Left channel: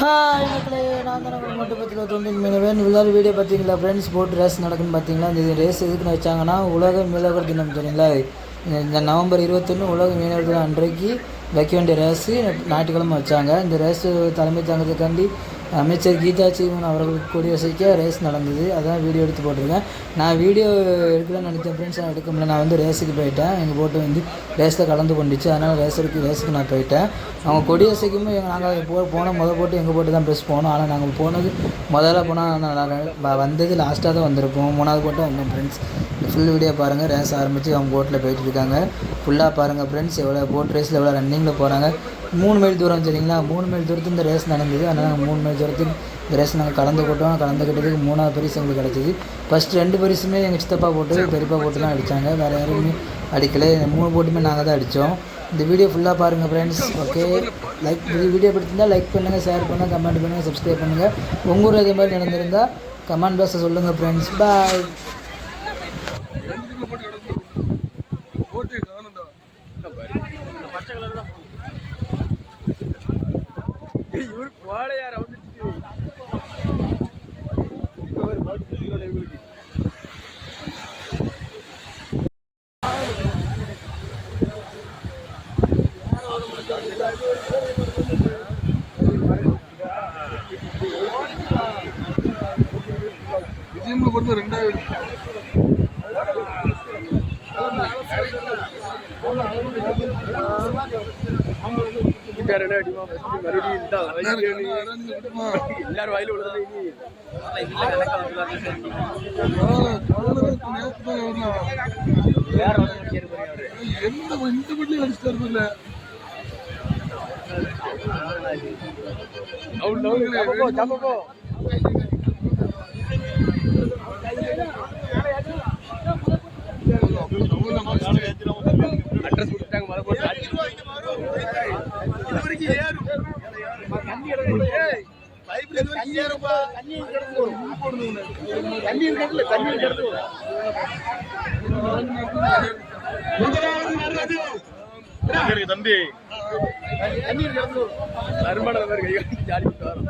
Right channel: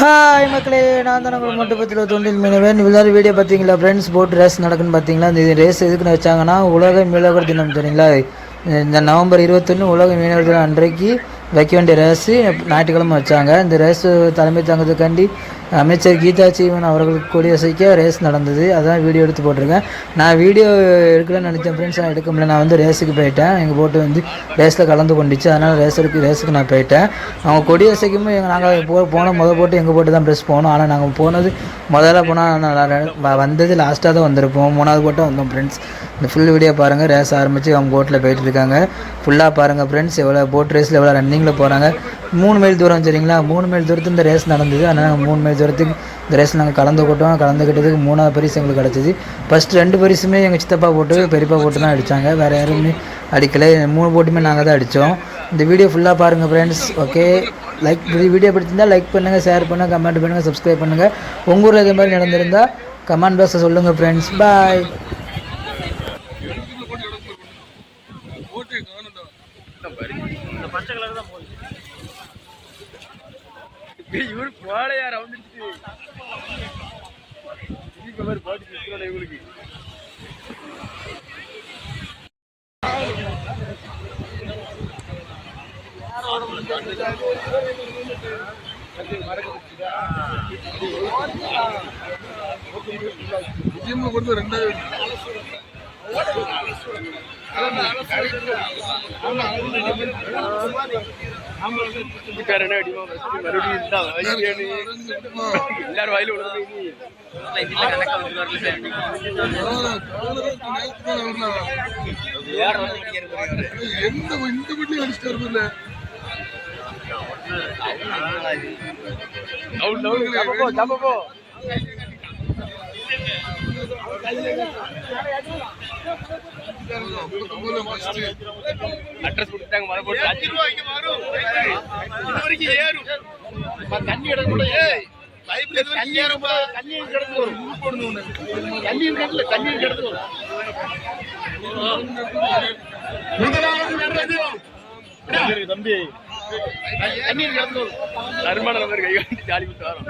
Hi மக்களே நான் தான் நம்ம மட்டும் பற்றி தொண்டில் மீனவன். எல்லாரும் வீடியோ பார்த்தீங்களா ஃப்ரெண்ட்ஸ் போட் ரேஸ் நடக்குன்னு பார்த்தீங்களா? இந்த ரேஸ் எதுக்குன்னு வச்சாங்கன்னா உலக மீனவர் தினம் தெரியுங்களா? இந்த நவம்பர் இருபத்தொன்று உலக மீனவர் தினம் அன்றைக்கு வைக்க வேண்டிய ரேஸு ஞாயிற்றுக்கிழமை வச்சாங்க. இந்த ரேஸ் தலைமை தாங்கிறதுக்காண்டி அமைச்சர் கீதா சீவன் அவர்களுக்கு கூடிய சைக்க ரேஸ் நடந்தது. அதான் வீடியோ எடுத்து போட்டிருக்கேன். நான் வீடியோ எடுக்கலன்னு நினச்சேன் ஃப்ரெண்ட்ஸ் நான் எடுக்க முடியல. நான் வந்து ரேஸுக்கு போயிட்டேன். எங்கள் போட்டு வந்து ரேஸில் கலந்து கொண்டுச்சு. அதனால் ரேஸருக்கு ரேஸுக்கு நான் போயிட்டேன். அவங்க கொடி எங்கள் நாங்கள் போ போன முதல் போட்டு எங்கள் போட்டு தான் ப்ரெஸ் போனோம். ஆனால் நாங்கள் போனது முதல்ல போனால் வந்தது லாஸ்ட்டாக தான் வந்திருப்போம். மூணாவது போட்டு வந்தோம் ஃப்ரெண்ட்ஸ் இந்த ஃபுல் வீடியோ பாருங்கள் ரேஸ் ஆரம்பித்து அவங்க போட்டில் போயிட்டு இருக்காங்க. ஃபுல்லாக பாருங்கள் ஃப்ரெண்ட்ஸ் எவ்வளோ போட் ரேஸில் எவ்வளோ ரன்னிங்கில் போகிறாங்க மூணு மைல் தூரம் சரிங்களா? மூணு மைல் தூரத்துக்கு இந்த ரேஸ் நடந்தது. அதனால் நாங்கள் மூணு மைல் தூரத்துக்கு இந்த ரேஸ் நாங்கள் கலந்துக்கிட்டோம் கலந்துக்கிட்டதுக்கு மூணாவது பரிசு எங்களுக்கு கிடச்சிது. ஃபஸ்ட் ரெண்டு பரிசுமே எங்கள் சித்தப்பா போட்டு பெரியப்பா போட்டு தான் அடித்தாங்க வேறு யாருமே அடிக்கலை. மூணு போட்டுமே நாங்கள் தான் அடித்தோம் இந்த வீடியோ ஃபுல்லாக பாருங்கள் ஃப்ரெண்ட்ஸ் ஓகே லைக் வீடியோ பிடிச்சிருந்தால் லைக் பண்ணுங்கள் ஷேர் பண்ணுங்கள் கமெண்ட் பண்ணுங்கள் சப்ஸ்கிரைப் பண்ணுங்கள் உங்கள் ஊரில் இதே மாதிரி நடந்திருந்தால் கமெண்ட் பாக்ஸை சொல்லுங்கள் ஃப்ரெண்ட்ஸ் பாய் இவரு போலையா ரவுண்ட் இவங்களுக்கு கொடுத்து ரெண்டாயிரம் ரெண்டாவது அடிமா மறுபடியும் இந்த எல்லாரும் வயலு விழுந்து எந்த இந்த வீட்லயும் அவுட் அவுட் அட்ரஸ் கொடுத்தாங்க மர போட்டு அஞ்சு ரூபா இங்க வரும் இது வரைக்கும் ஏறும். தண்ணி இடம் கூட பைப்ல தண்ணி ஏறும்பா. தண்ணி கிடந்து வரும் தண்ணி இருக்கல தண்ணி கிடந்து வரும் தம்பி. தண்ணி கிடந்து வரும் நறுமான நம்பர் கை காட்டி ஜாலி விட்டு வரோம்.